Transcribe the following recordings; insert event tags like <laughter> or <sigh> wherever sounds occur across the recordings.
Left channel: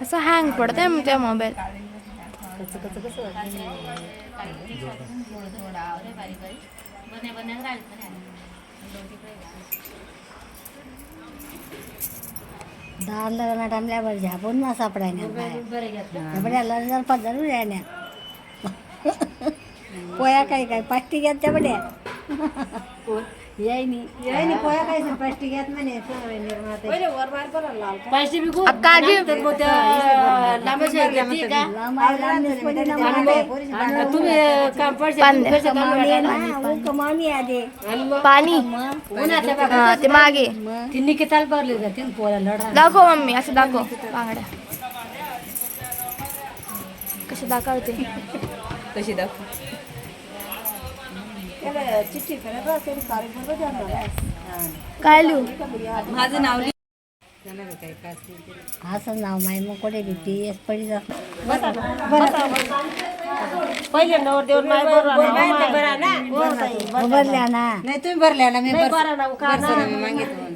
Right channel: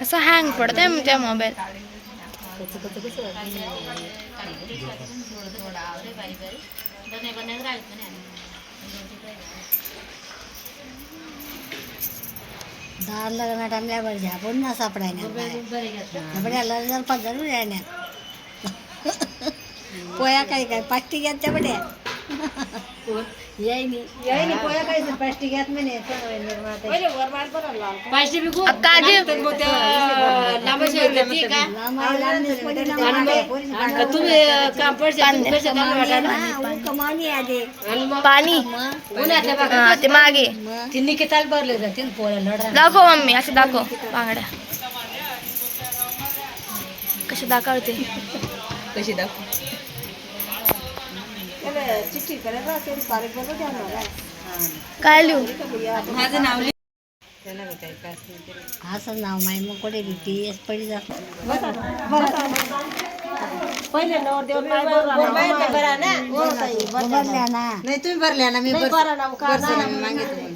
असं हँग पडत आहे तुमच्या मोबाईल दार लग्न टामल्यावर झापून ना सापडायला बड्याला जर पगार पोया काय काय पाठी घ्या त्या बड्या पाणी. हा ते मागे. तिन्ही किताल भरले लढा. दाखव मम्मी असं दाखव. बांगड्या. कसे दाखवते? कशी दाखव? काय लिहू? माझं नाव लिह. असं नाव माय मग कुठे भीती एस पडी जात भरल्या ना. नाही तुम्ही भरल्या ना मी भरतो ना मागितलं.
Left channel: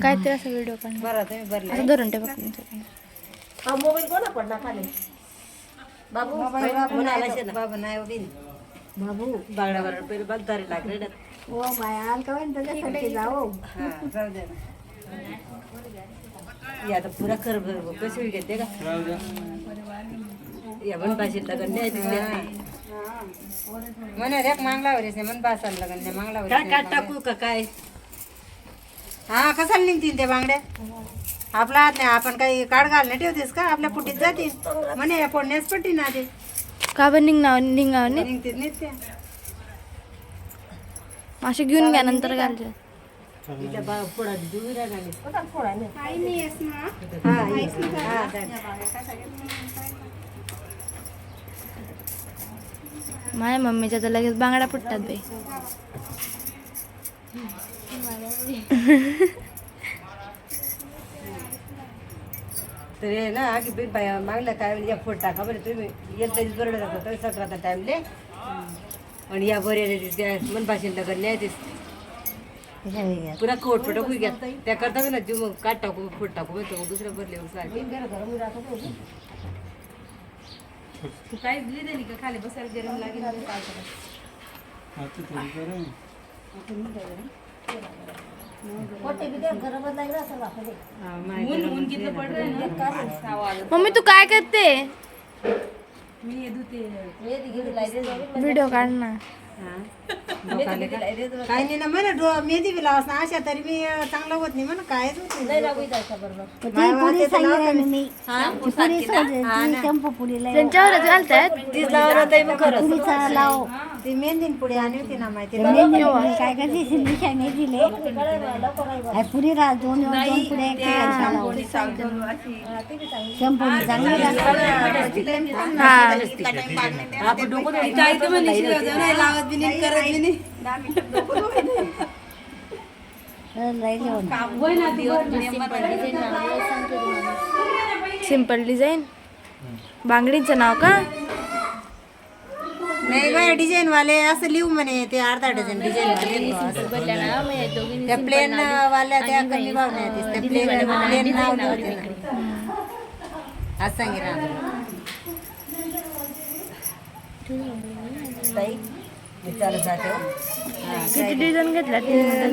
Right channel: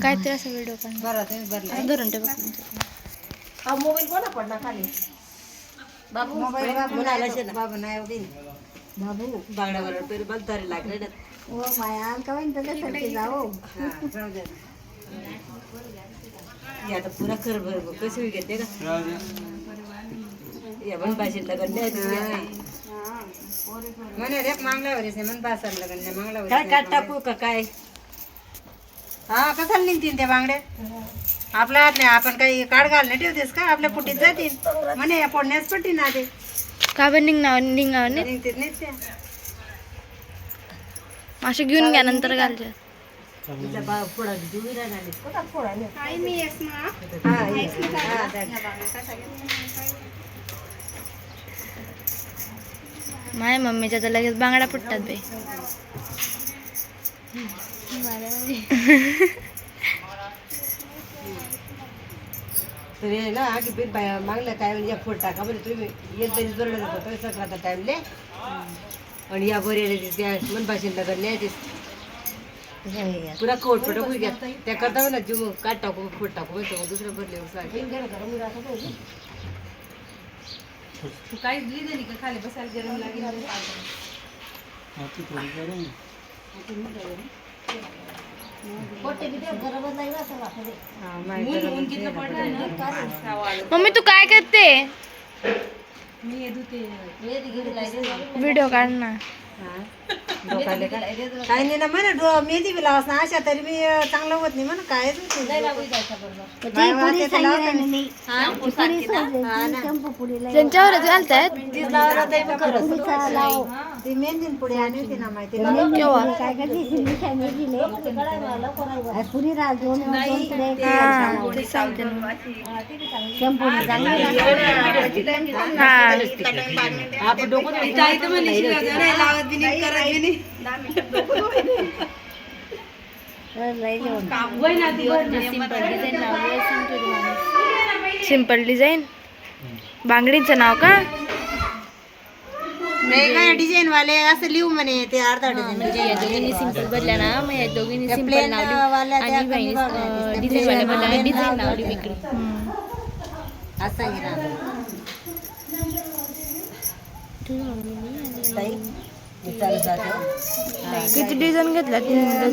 काय ते असं व्हिडिओ काढ भरा तुम्ही भरल्या धरून ठेव मोबाईल बाबू नाही आला शेत. बाबू नाही एवढी बाबू बागडा लागले. ओ माया का जाऊ. हे आता पुरा कर भर बघ कशी घेते का? या पण भाषेत लग्न नाही म्हणे रे मागला वरीस मन भाषाला लग्न नाही मागला काय काट टाकू का काय? हा कशाला निघतील त्या बांगड्या आपला हात नाही आपण काही काढ घाल नाही ठेवतेस का? आपल्या पुटीत जातील म्हणे पोडण्यास पट्टी ना ते का बरं निघणार निघणार नाही असे घेऊन घ्या नंतर चालेल. माझ्या मम्मीच्या तर लगेच बांगड्या फुटतात बाई. <laughs> <laughs> तर हे ना की बी बाया मागलं काय म्हणजे या फोड टाका बरं तुम्ही येत पाहिजे बरोबर होतं तर सकाळचा टाईमले आणि या बरे त्या मन भाषेत लग्न न्यायचीच पुरा कोट फोटो कुई घ्या. त्या करता ना जीव मग काट टाकू फोट टाकू म्हणतो मग दुसरं भरले तू. काहीच लिहिलं नाही का? खाली बसायला गरम लागेल. मम्मी तू काय करते? मी येत होते काही नाही ना म्हणा डो- मेहंदी बी लावास ना अशा तरी बी अं, चांगलं होत नाही म्हणा काय त्यांच्यावरच घालतात. ती मेहंदी पुढे आणि होती ना माहिती मी पुढे हा ते सांगते. ना. शंभर चांगली. हा लावत बी नाही करत नाही सिंपल डिझाईन. बांगडीचं नाव का? नाही काय डिझाईन वाले असं लिहू म्हणे ते अर्धा डझन डिझाईन. सिंपल भरल्या ना मग दोघींनी त्या प्लेन वाल्या त्या कमी भावने येते. त्या plain वाल्या असं सांगितलं किती घेतला डझन नाही.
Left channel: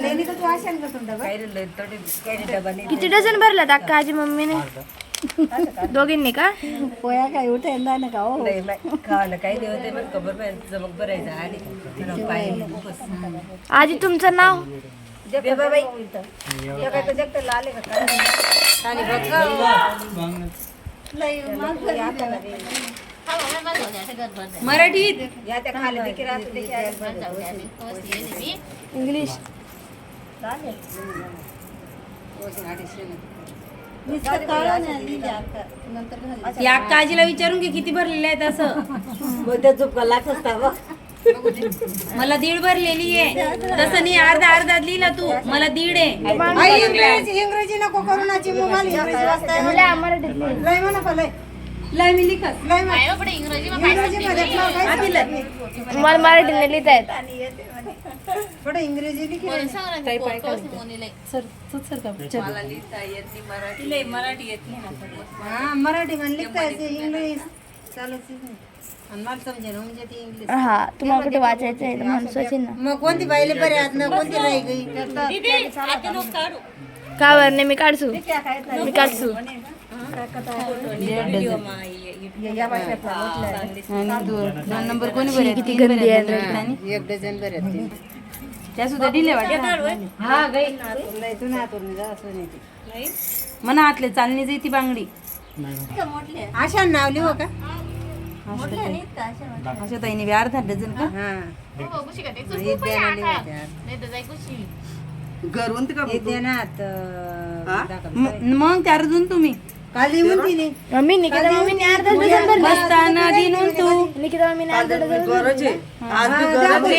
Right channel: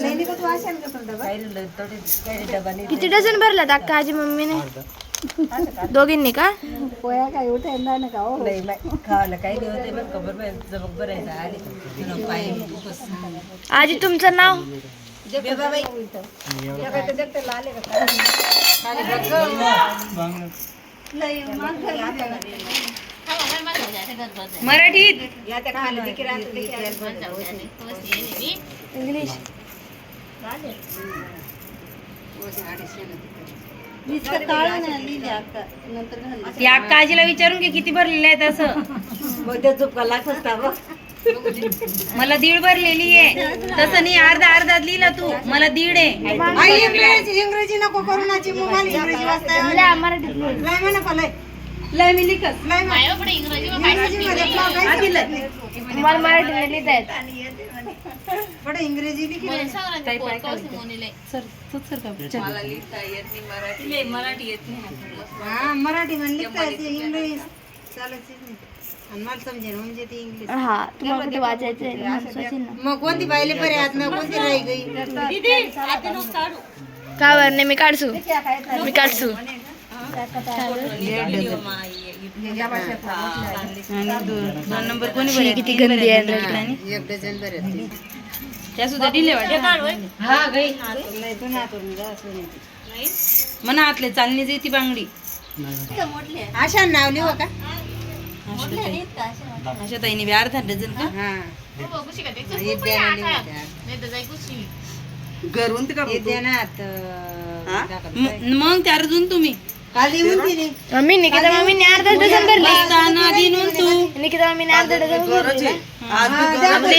किती डझन भरल्यात अक्का आजी मम्मीने? दोघींनी का? पोया काय उठे ना का हो नाही, नाही. खायला काही नाही होते बरं का, बरं जमक भरायचं आणि थोडं पाय बस. आजी तुमचं नाव? काय लाले का काय? मराठीत या इंग्लिश. अक्का आजीला विचारून घे किती भरलेले असता बघ. मला दीड भरलेली आहे. तसं नाही अर्धा अर्धा लिहिला तू. मला दीड आहे. इंग्रजी नको करू मी लिखस इंग्रजीमध्ये काय मला मराठीने लिहिता येत. पुढे इंग्रजी लिखी सर सर सर का मराठी. येत नाही हा मराठी मध्ये लिखता येते इंग्लिश चालत नाही आणि मला समजेल म्हणजे ती इंग्लिश. हा तुम्हाला कुठे वाचायचं आहे? ना माणसाचे ना. मग कोणती पाहिली बरे आत ना? कोणती नाही गई? का बरं? नाही मी काढसू मी काढसू किती गंदी आहे एक डझन बरे त्या सुद्धा दिले म्हणा आतले चालणी जाई ती बांगडी अशा नाव लिहू का अशा ताईने बी अर्धा डझन का हा मग त्या अर्जुन तुम्ही? मम्मी निकिता मम्मीने अर्धा डझन भरली. निकिता मम्मीने अर्धा डझन भरली.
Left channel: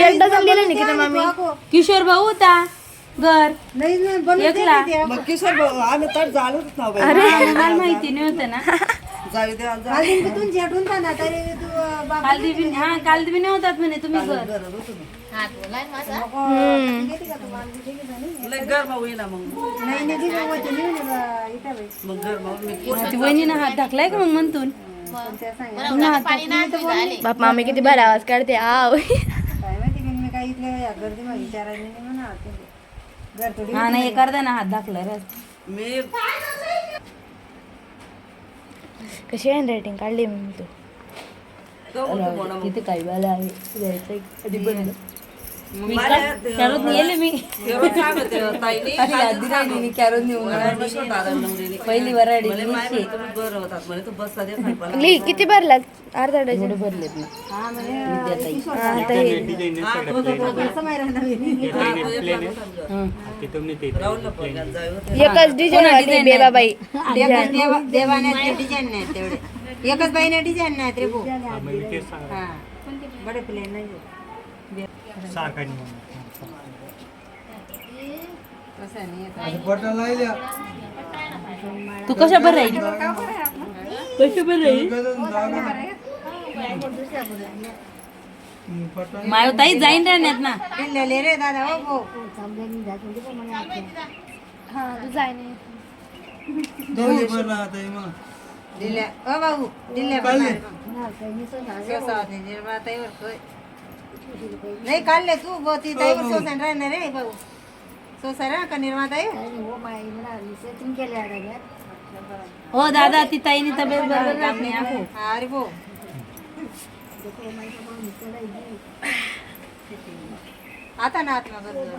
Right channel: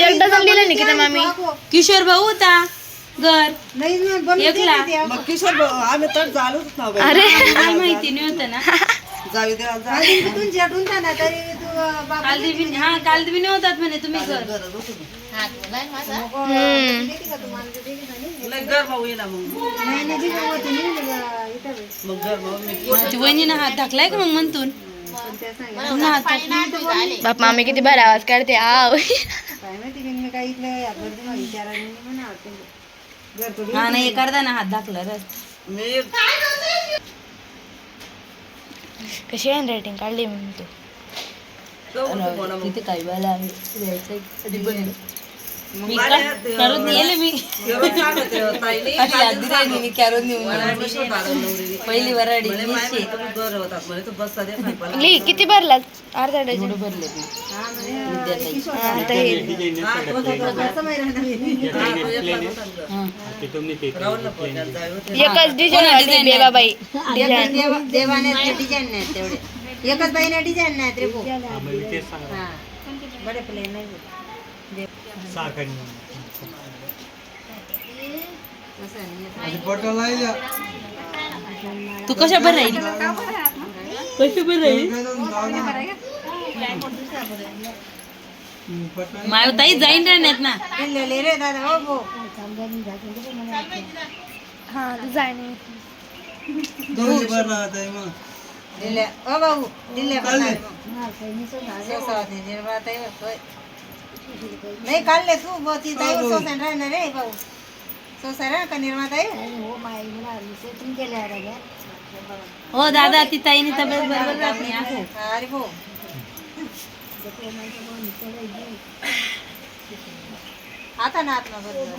एक डझन दिलं निकिता मामी किशोर भाऊ होता. घर. अरे. माहिती नव्हतं ना. <laughs> तरी हा काल दिवी नव्हतात म्हणे तुम्ही घर. नाही वहिनीनं हात टाकलाय का मग म्हणतून. बाप मामी किती भारी आवाज काढते. आव. नाही हा करता ना हात कशी रायटिंग काढली मी तू तिथे काही वेळा आहे. कॅरोत नेले मी. अरे यादी राहिली मी <laughs> कॅरोत नेऊन पहिली वराडी <laughs> ली किती भरला अर्धा डझन. भरले मी. हा, आता हे एकच डिझाईन देवा- देवाने डिझाईन नाही तेवढे. एकच बाईने डिझाईन नाही रे बडे प्लेन नाही तू कशा बरं राहील कशा बरं राहील माय ताई जाईन राहण्यात ना दिलेले रे दादा हो भाऊ हा डिझाईन दिल्या ओ भाऊ दिल्या निर्मळाताईवर होय. नाही काढले तू भाऊ ती ताई सोसन राहणार रे भाऊ सोसाय का निर्माताई हो? दादा ती ताईने तब्येत बरोबर राहत नाही आहो. हा, अरे भाऊ आता ना आत्मा बरोबर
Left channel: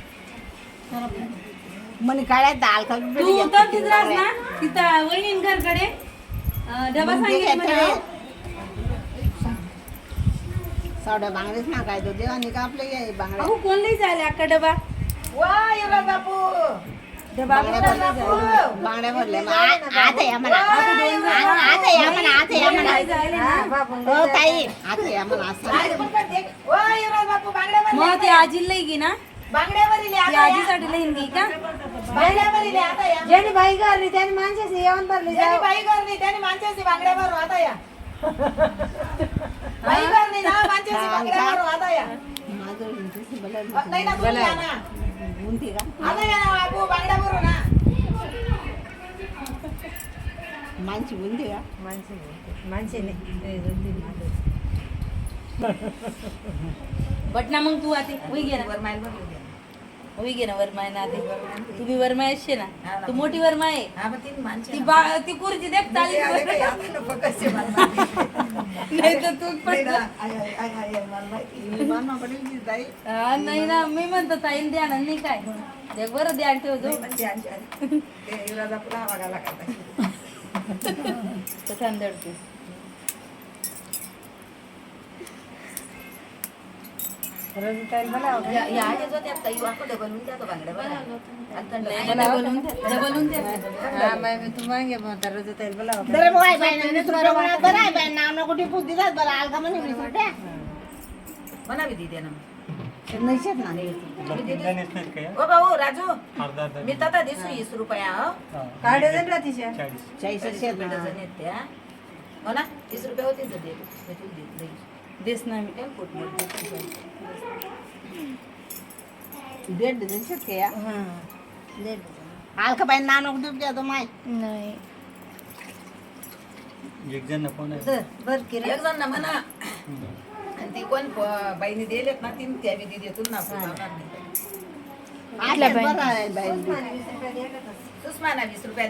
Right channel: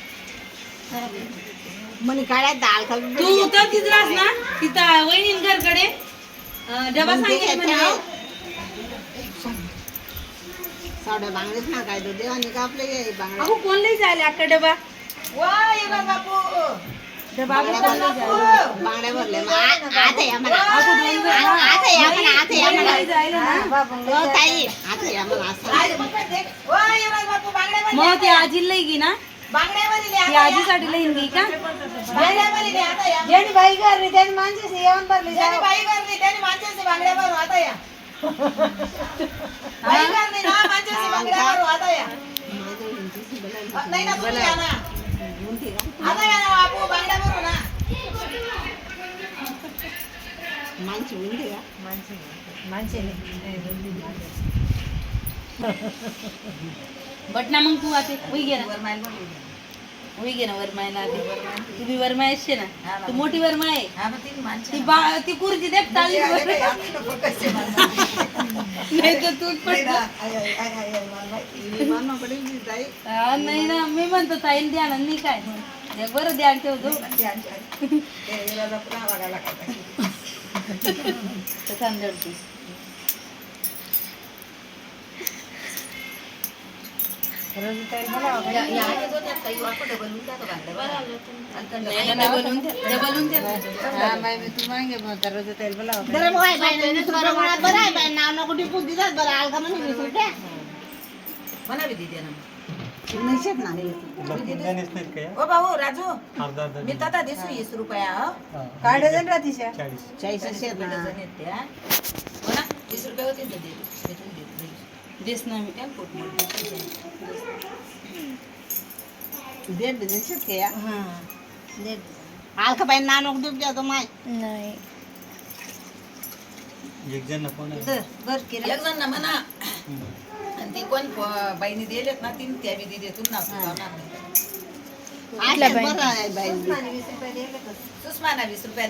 तर तिथं राहस ना तिथं वहिनी घरकडे. डबा सांगितलं म्हणा. अहो कोण लई जायला अक्का डबा? डबा मग ती आजी लई गी ना. ती आजीसाठी लईन गी का ज्यांनी बाई करली त्यांनी माणसाची येऊन भरली ज्यांनी बाई करली त्यांनी माणसाची बांगड्या भरू आता या. <laughs> बाई करली ना माणसाची बांगड्या भरू आता या. नाही ना तुम्ही या ना. आता या ना. बापू बांगड्या भरू ना माणसे. बट ना मग तू आते होई गे ना. होई गे ना वरमायला आते तू बी वरमाय असते ना. तू मोठी वरमाय आहे. ती बा ती कुर्ती देख चालली नाही तर तू पण हा, नाही ना मी म्हणतो ताईन द्या ना नाही काय? एक बरं ध्यान ठेवतो तर तांदळते तू मागे मग करायचं तेल बोलावं बरं बाय बाय वीस रुपये म्हणा बरं आहे बाय नाव नको ती बुद्धी जात बरं आलका म्हणे वीस रुपये म्हणावी दिदी ना नैशेत ना ओ भाऊ राजू. मी तता दिसू वीस रुपया काढे राहतीशा? चाळीस. ना. डझन येते हा. हो ना वीस रुपये होते तर दे. मी तुला देत नाही. देस ना मी टेम्पोत मोड दे. दीड डझन शेत के या आलका बाई नाव नको देऊ द्या तो माय नाही एक जण कोण आहे दर, बर की रे. एक जण ना म्हणा आणि ती कोण प- बाईने दिलेत ना तीन त्या मी दिली तुला ना पुरवणार नाही आठ्यात बरं आहे बाई सुषमाना वीस रुपये